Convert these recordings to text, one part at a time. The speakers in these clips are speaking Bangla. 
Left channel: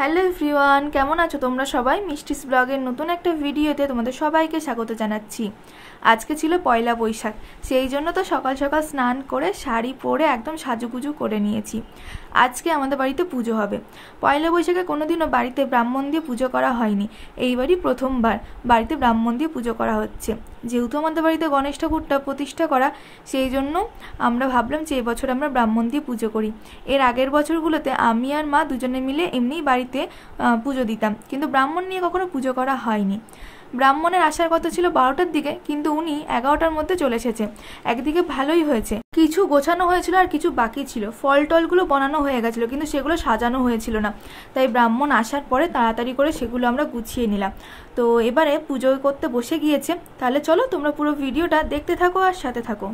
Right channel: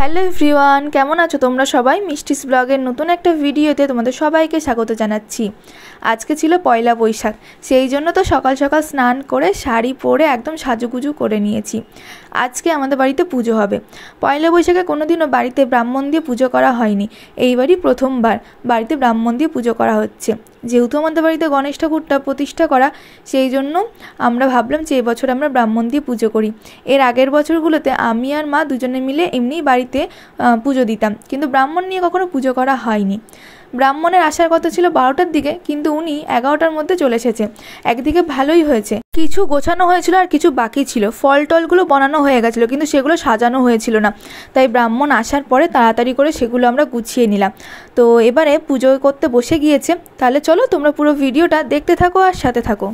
হ্যালো এভরিওয়ান, কেমন আছো তোমরা সবাই? মিষ্টিস ব্লগের নতুন একটা ভিডিওতে তোমাদের সবাইকে স্বাগত জানাচ্ছি। আজকে ছিল পয়লা বৈশাখ, সেই জন্য তো সকাল সকাল স্নান করে শাড়ি পরে একদম সাজুগুজু করে নিয়েছি। আজকে আমাদের বাড়িতে পুজো হবে। পয়লা বৈশাখে কোনোদিনও বাড়িতে ব্রাহ্মণ দিয়ে পুজো করা হয়নি, এইবারই প্রথমবার বাড়িতে ব্রাহ্মণ দিয়ে পুজো করা হচ্ছে। যেহেতু আমাদের বাড়িতে গণেশ ঠাকুরটা প্রতিষ্ঠা করা, সেই জন্য আমরা ভাবলাম যে এবছর আমরা ব্রাহ্মণ দিয়ে পুজো করি। এর আগের বছরগুলোতে আমি আর মা দুজনে মিলে এমনিই বাড়িতে পুজো দিতাম, কিন্তু ব্রাহ্মণ নিয়ে কখনো পুজো করা হয়নি। ব্রাহ্মণের আসার কথা ছিল 12টার দিকে, কিন্তু উনি 11টার মধ্যে চলে এসেছে। একদিকে ভালোই হয়েছে, কিছু গোছানো হয়েছিল আর কিছু বাকি ছিল। ফল টলগুলো বানানো হয়ে গেছিলো, কিন্তু সেগুলো সাজানো হয়েছিল না, তাই ব্রাহ্মণ আসার পরে তাড়াতাড়ি করে সেগুলো আমরা গুছিয়ে নিলাম। তো এবারে পুজো করতে বসে গিয়েছে। তাহলে চলো তোমরা পুরো ভিডিওটা দেখতে থাকো আর সাথে থাকো।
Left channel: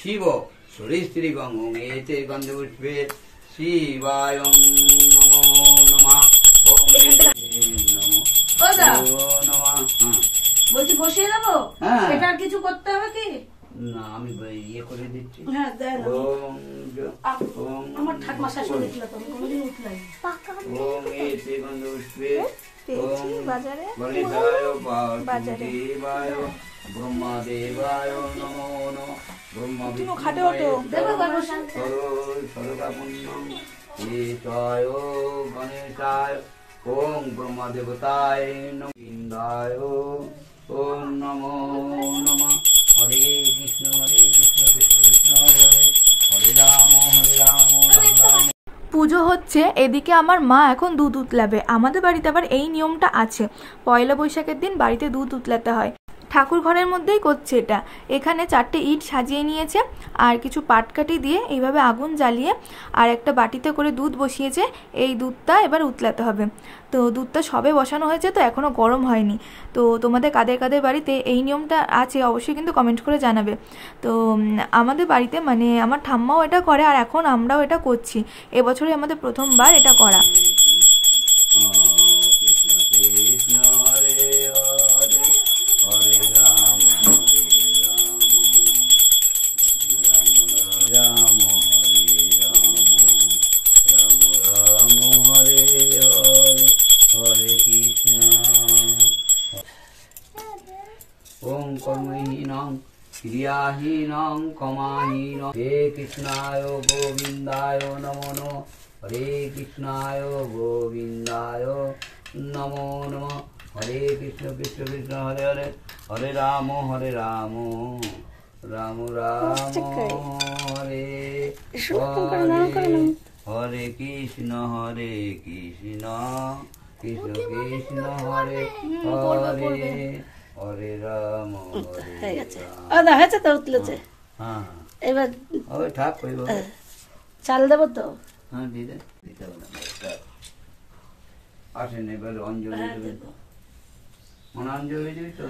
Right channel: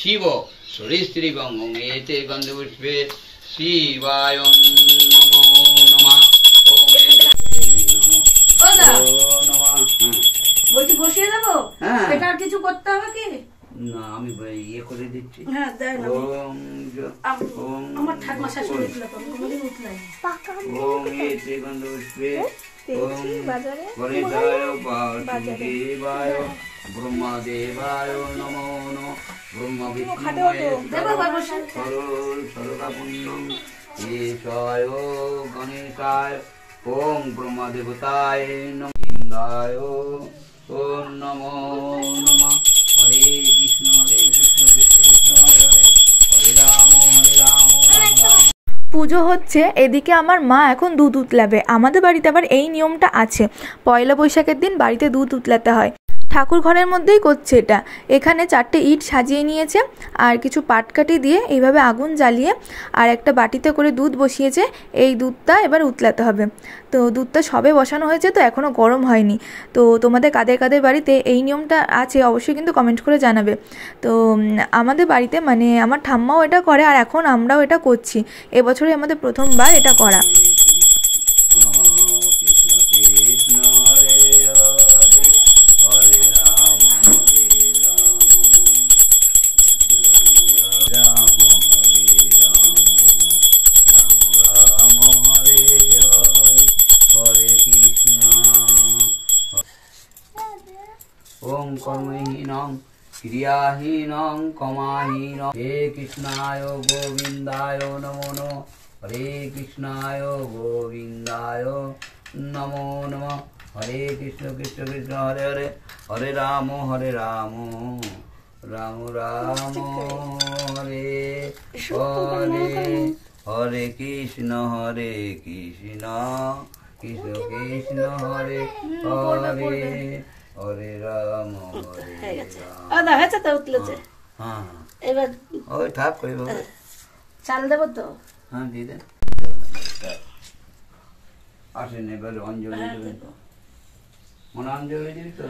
শিব সরিস্ত্রীবং এতে গন্ধপুষ্পে শিবায় নমো নমঃ। বলছি বসিয়ে দেবো? এটা আর কিছু করতে হবে কি না? আমি ইয়ে করে দিচ্ছি। হ্যাঁ দেন। আমার ঠাকুমা শাশুড়ি ছিল তো, আমি কোনোদিন উঠলাম ওম এতে গন্ধপুষ্পে বাজারে বাজারে ব্রহ্মদেবায় নমো নমঃ। ব্রহ্ম ঈশায় গণেশায় ওম ব্রহ্মদেবতায় নমঃ। ওম নমো নমঃ। হরে কৃষ্ণ কৃষ্ণ কৃষ্ণ হরে হরে, হরে রাম রাম রাম। পুজো হচ্ছে, এদিকে আমার মা এখন দুধ উতলাবে। আমাদের বাড়িতে আবার এই নিয়মটা আছে, পয়লা বৈশাখের দিন বাড়িতে দুধ উতলাতে হয়। ঠাকুর ঘরের মধ্যেই করছে এটা। এখানে 4টে ইট সাজিয়ে নিয়েছে আর কিছু পাটকাঠি দিয়ে এইভাবে আগুন জ্বালিয়ে আর একটা বাটিতে করে দুধ বসিয়েছে। এই দুধটা এবার উতলাতে হবে। তো দুধটা সবে বসানো হয়েছে, তো এখনও গরম হয়নি। তো তোমাদের কাদের কাদের বাড়িতে এই নিয়মটা আছে অবশ্যই কিন্তু কমেন্ট করে জানাবে। তো আমাদের বাড়িতে মানে আমার ঠাম্মাও এটা করে আর এখন আমরাও এটা করছি। এবছরই আমাদের প্রথমবার এটা করা। ওম কর্মহীনং ক্রিয়াহীনং কমাহীনং হে কৃষ্ণায় গোবিন্দায় নমো নমঃ। হরে কৃষ্ণায় গোবিন্দায় নমো নমঃ। হরে কৃষ্ণ কৃষ্ণ কৃষ্ণ হরে হরে, হরে রাম রাম রাম রাম হরে হরে, হরে কৃষ্ণ কৃষ্ণ কৃষ্ণ হরে হরে, হরে রাম হয়েছে তো উতলেছে। হ্যাঁ এবার ওই থাক চাল দেবো তো? হ্যাঁ দিয়ে দেন। আসেন এবার অঞ্জলি দেবেন। মনে অঞ্জলি দিবি তো?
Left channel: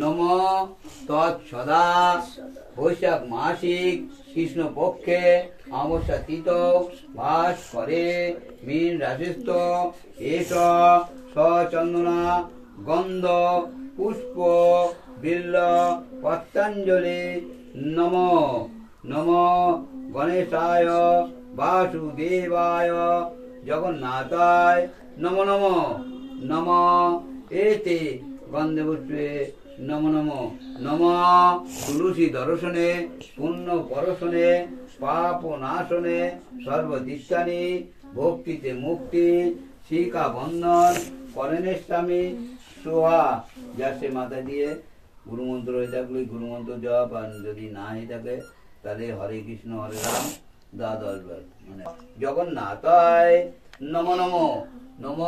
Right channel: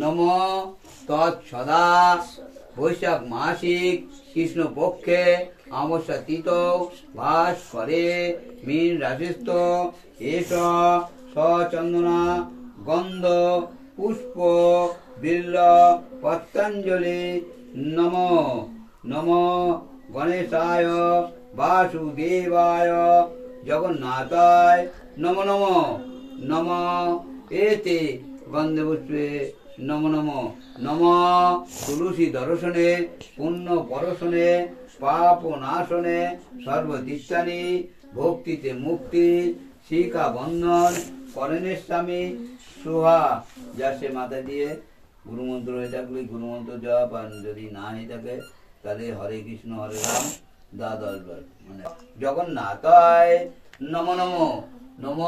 নম তৎসদা বৈশাখ মাসিক কৃষ্ণ পক্ষে অমাবস্যা তিথ ভাস করে মীন রাশিস্থ এস সচন্দনা গন্ধ পুষ্প বিল্ল পত্রাঞ্জলি নম নম গণেশায় বাসুদেবায় জগন্নাথায় নম নম নম এতে গন্ধপুষ্পে নম নম নম তুলসী দর্শনে পুণ্য পরশনে পাপ নাশনে সর্বদিশানি ভক্তিতে মুক্তি শিকা বন্ধন করণের স্বামী সোহা। যাচ্ছে মাথা দিয়ে গুরুমন্ত্র হয়ে থাকলে গুরুমন্ত্র জপ, আর যদি না হয়ে থাকে তাহলে হরে কৃষ্ণ হরে রাম 10 বার। মানে জগন্নাথায় নম নম নম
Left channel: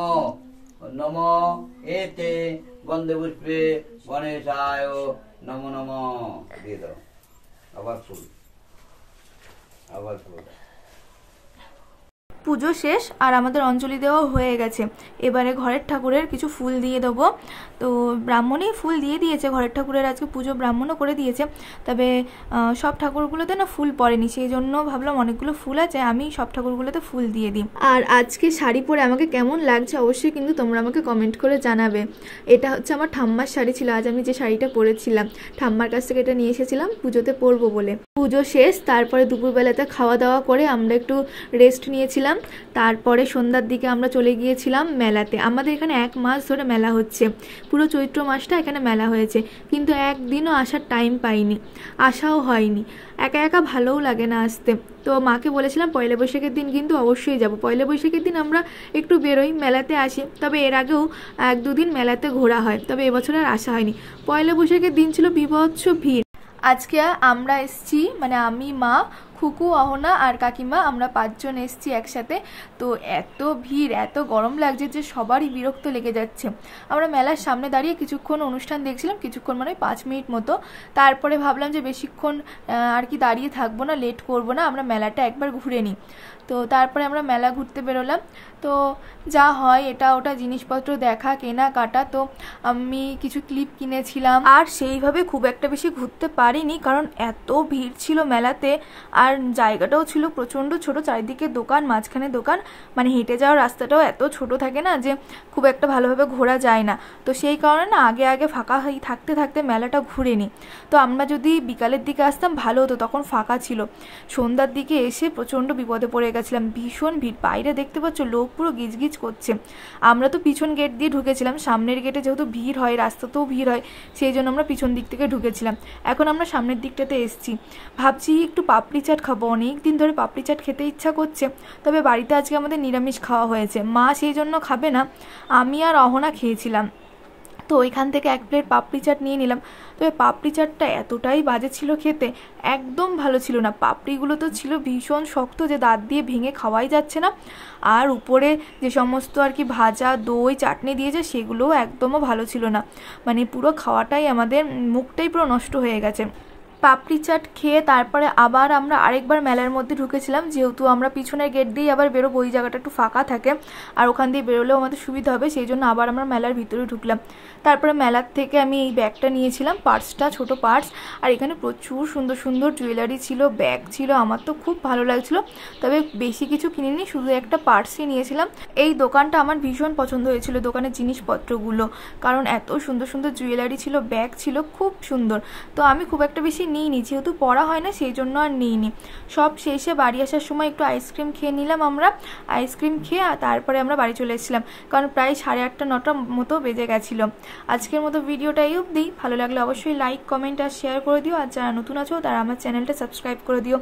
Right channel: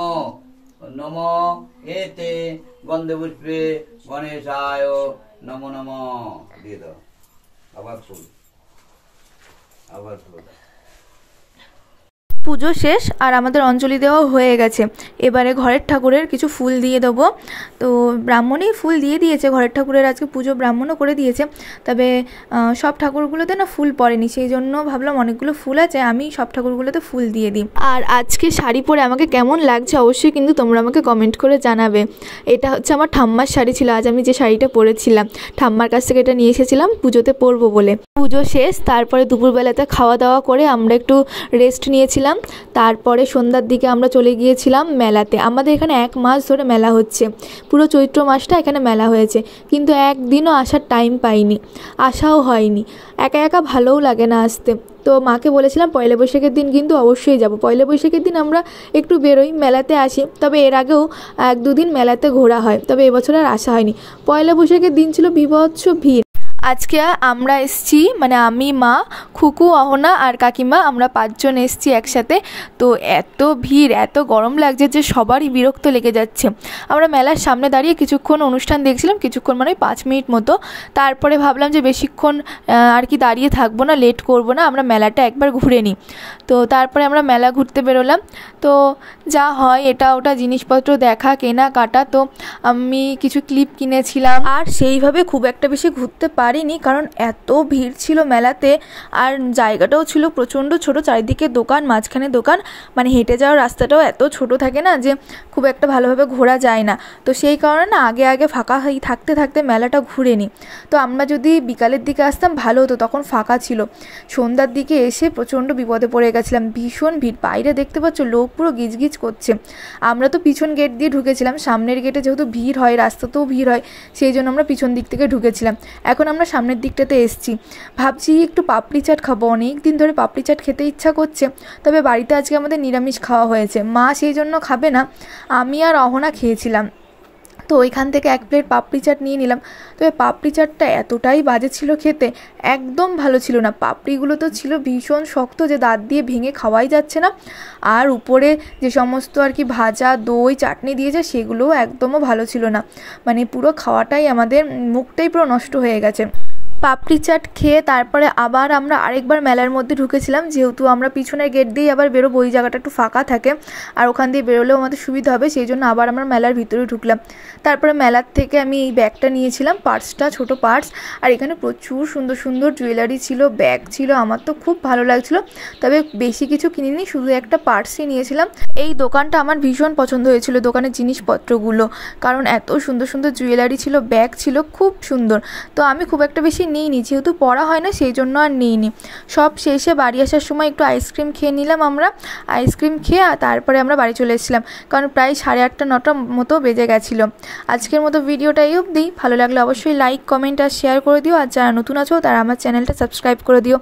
নম এতে গন্ধপুষ্পে গণেশায় নম নম দিয়ে দাও। আবার ফুল, আবার ফুল। পুজো শেষ আর আমাদের অঞ্জলি দেওয়া হয়ে গেছে। এবারে ঘরের ঠাকুরের কিছু ফুল দিয়ে দেবো। তো ব্রাহ্মণই ফুল দিয়ে দিয়েছে, ঘরের ঠাকুরের আজকে পুজো ব্রাহ্মণও করে দিয়েছে। তবে সব ঠাকুরগুলোতে না ফুল পড়েনি, সেই জন্য ভাবলাম অনেকগুলো ফুল আছে, আমি সব ঠাকুরগুলোতে ফুল দিয়ে দিই। আর আজকে শাড়ি পরে আমাকে কেমন লাগছে অবশ্যই কিন্তু তোমরা আমাকে কমেন্ট করে জানাবে। এটা হচ্ছে আমার ঠাম্মার শাড়ি ছিল, আজ আমি যে শাড়িটা পরেছিলাম ঠাম্মার কাছ থেকে এটা নিয়ে এসেছিলাম পুজোতে পরবো বলে। পুজো শেষ, তারপরে দুপুরবেলাতে খাওয়া দাওয়া করে আমরা একটু রেস্ট নিয়েছিলাম। তারপরে সন্ধ্যার দিকে আমরা চলে গিয়েছিলাম মেলাতে। আমাদের এখানে 1 মাস ধরে মেলা হচ্ছে, পুরো চৈত্র মাসটা এখানে মেলা হয়েছে, কিন্তু একদিনও আসার টাইম পাইনি, আসাও হয়নি। একা একা ভালোও লাগে না আসতে। তো মাকে বলেছিলাম পয়লা বৈশাখের দিন কিন্তু অবশ্যই যাব। পয়লা বৈশাখের দিন আমরা একটু বেরোই, মেলাতে আসি, তবে এর আগেও 1-2 দিন মেলাতে ঘোরা হয়, তবে এবছর আর আসা হয়নি। পয়লা বৈশাখের দিন ছিল বীভৎস ভিড়। আজকে আমরা এসছি, মানে আমি, মা, খুকু, অহনা আর কাকিমা, আমরা 5 জন এসছি একসাথে। তো এত ভিড়, এত গরম লাগছে যে সবারই বিরক্ত লেগে যাচ্ছে। আমরা মেলার সামনে দাঁড়িয়ে কিছুক্ষণ অনুষ্ঠান দেখছিলাম, কিছুক্ষণ মানে 5 মিনিট মতো। তারপরে ভাবলাম যে বেশিক্ষণ আর কি দাঁড়িয়ে থাকবো না, লেট করবো না, আমরা মেলাটা একবার ঘুরে নিই। তো তারপরে আমরা মেলা ঘুরতে বেরোলাম। তো যা হয় এটা ওটা জিনিসপত্র দেখা, কেনা কাটা। তো আমি কিছু ক্লিপ কিনেছিলাম, আর সেইভাবে খুব একটা বেশি ঘুরতে পারিনি, কারণ এত ভিড় ছিল মেলাতে। আর জায়গাটাও ছিল প্রচণ্ড ছোট, চারিদিকে দোকান, মাঝখানে দোকান, মানে হেঁটে যাওয়ার রাস্তাটাও এত ছোট থাকে না যে খুব একটা ভালোভাবে ঘোরা যায় না। তো সেই কারণে না আগে ফাঁকা থাকতে থাকতে মেলাটা ঘুরে নিই। তো আমরা যদি বিকালের দিকে আসতাম ভালো হতো, তখন ফাঁকা ছিল। সন্ধ্যার দিকে এসে প্রচণ্ড বিপদে পড়ে গেছিলাম, ভীষণ ভিড়। বাইরে দেখতে পাচ্ছ লোক পুরো গিজগিজ করছে। আমরা তো পিছন গেট দিয়ে ঢুকেছিলাম, সামনের গেটে যেহেতু ভিড় হয়, রাস্তাতেও ভিড় হয়, সেই জন্য আমরা পিছন দিক থেকে ঢুকেছিলাম। এখন আমরা সামনের দিকটাতে এসছি, ভাবছি একটু পাপড়ি চাট খাবো, অনেক দিন ধরে পাপড়ি চাট খেতে ইচ্ছা করছে। তবে বাড়িতে আজকে আমাদের নিরামিষ খাওয়া হয়েছে, মা সেই জন্য খাবে না, আমি আর অহনা খেয়েছিলাম। তো ওইখান থেকে 1 প্লেট পাপড়ি চাট নিয়ে নিলাম। তবে পাপড়ি চাটটা এতটাই বাজে ছিল খেতে, একদম ভালো ছিল না। পাপড়িগুলো তো ছিল ভীষণ শক্ত, যে দাঁত দিয়ে ভেঙে খাওয়াই যাচ্ছে না। আর উপরে যে সমস্ত আর কি ভাজা, দই, চাটনি দিয়েছে সেগুলোও একদমও ভালো ছিল না, মানে পুরো খাওয়াটাই আমাদের মুখটাই পুরো নষ্ট হয়ে গেছে। পাপড়ি চাট খেয়ে তারপরে আবার আমরা আরেকবার মেলার মধ্যে ঢুকেছিলাম, যেহেতু আমরা পিছনের গেট দিয়েই আবার বেরোবো, ওই জায়গাটা একটু ফাঁকা থাকে আর ওখান দিয়ে বেরোলেও আমাদের সুবিধা হবে, সেই জন্য আবার আমরা মেলার ভিতরে ঢুকলাম। তারপরে মেলার থেকে আমি এই ব্যাগটা নিয়েছিলাম, পার্সটা, ছোট পার্স। আর এখানে প্রচুর সুন্দর সুন্দর জুয়েলারি ছিল, ব্যাগ ছিল, আমার তো খুব ভালো লাগছিল। তবে বেশি কিছু কিনিনি, শুধু একটা পার্সই নিয়েছিলাম। এই দোকানটা আমার ভীষণ পছন্দ হয়েছিল, দোকানের জিনিসপত্রগুলো, কারণ এত সুন্দর সুন্দর জুয়েলারি ছিল, ব্যাগ ছিল, খুব সুন্দর। তো আমি খুব একটা বেশি নিইনি, যেহেতু পড়া হয় না সেই জন্য আর নিইনি। সব শেষে বাড়ি আসার সময় একটু আইসক্রিম খেয়ে নিলাম আমরা। আইসক্রিম খেয়ে তারপরে আমরা বাড়ি চলে এসেছিলাম, কারণ প্রায় 8:30-9টা মতো বেজে গেছিলো। আজকের মতো ভিডিওটা এই অবধি। ভালো লাগলে অবশ্যই লাইক, কমেন্ট আর শেয়ার করে দিও। আর যারা নতুন আছো তারা আমার চ্যানেলটা সাবস্ক্রাইব করে দিও।